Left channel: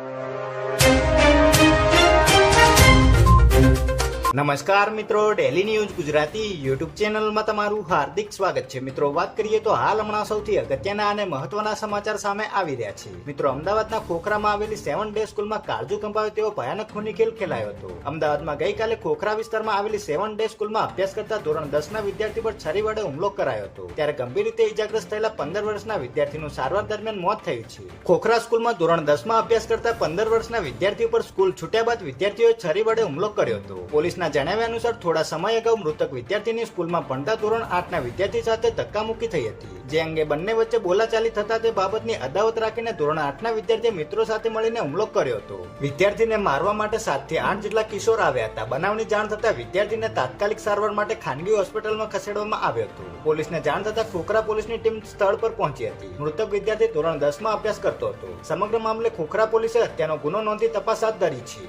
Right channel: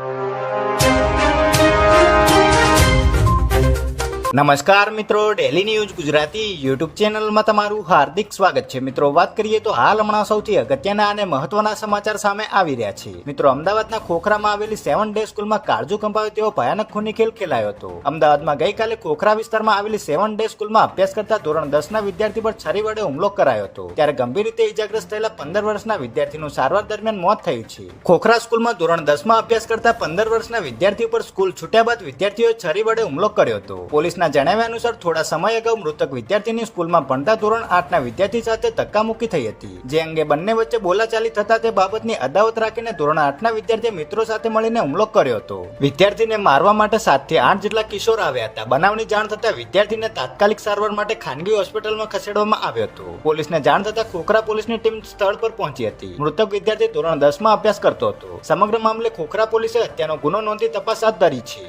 you. નમસ્કાર મિત્રો daily news Gujarati YouTube ચેનલમાં તમારું હાર્દિક સ્વાગત છે. મિત્રો, વાત કરીએ તો હાલ હમણાં સૌથી અગત્યના અને મહત્વના સમાચાર સામે આવી રહ્યા છે. મિત્રો, અમદાવાદના ખોખરામાં આવેલી સેવન ડે સ્કૂલમાં કાળજુ કંપાવે તેવો ભયાનક ખૂની ખેલ ખેલાયો હતો. અમદાવાદમાં ગઈકાલે ખોખરા વિસ્તારમાં આવેલી સેવન ડે સ્કૂલમાં અભ્યાસ કરતા ધોરણ દસ ના વિદ્યાર્થી પર છરી વડે હુમલો કરાયો હતો. ત્યારે ગંભીર રીતે ઇજાગ્રસ્ત થયેલા પંદર વર્ષના વિદ્યાર્થીનું સારવાર દરમિયાન મોત થયું છે. ખોખરા સ્કૂલમાં ધોરણ દસમાં અભ્યાસ કરતા પંદર વર્ષના વિદ્યાર્થી પર સ્કૂલ છૂટ્યા બાદ વિદ્યાર્થીઓએ છરી વડે હુમલો કર્યો હતો. પોલીસના જણાવ્યા અનુસાર થોડા સમય અગાઉ મૃતક વિદ્યાર્થીની સ્કૂલમાં ભણતા ધોરણ આઠના વિદ્યાર્થી સાથે ધક્કામુક્કી થઈ હતી. જે અંગે બંને વચ્ચે બોલાચાલી થતા તે બાબતની અદાવત રાખીને ધોરણ આઠના વિદ્યાર્થીએ મિત્રો સાથે મળીને હુમલો કર્યો હતો. વિદ્યાર્થીને મારવા માટે સાતથી આઠ જેટલા કિશોર આવ્યા હતા. બનાવની જાણ થતાં વિદ્યાર્થીને તાત્કાલિક સારવાર માટે ખાનગી હોસ્પિટલમાં ખસેડવામાં આવ્યો હતો. પોલીસને જાણ થતાં ખોખરા પોલીસની ટીમ સ્થળ પર પહોંચી હતી. મૃતક વિદ્યાર્થી ધોરણ દસમાં અભ્યાસ કરતો હતો. સમગ્ર મામલે ખોખરા પોલીસે હત્યાનો ગુનો નોંધી તપાસ હાથ ધરી છે.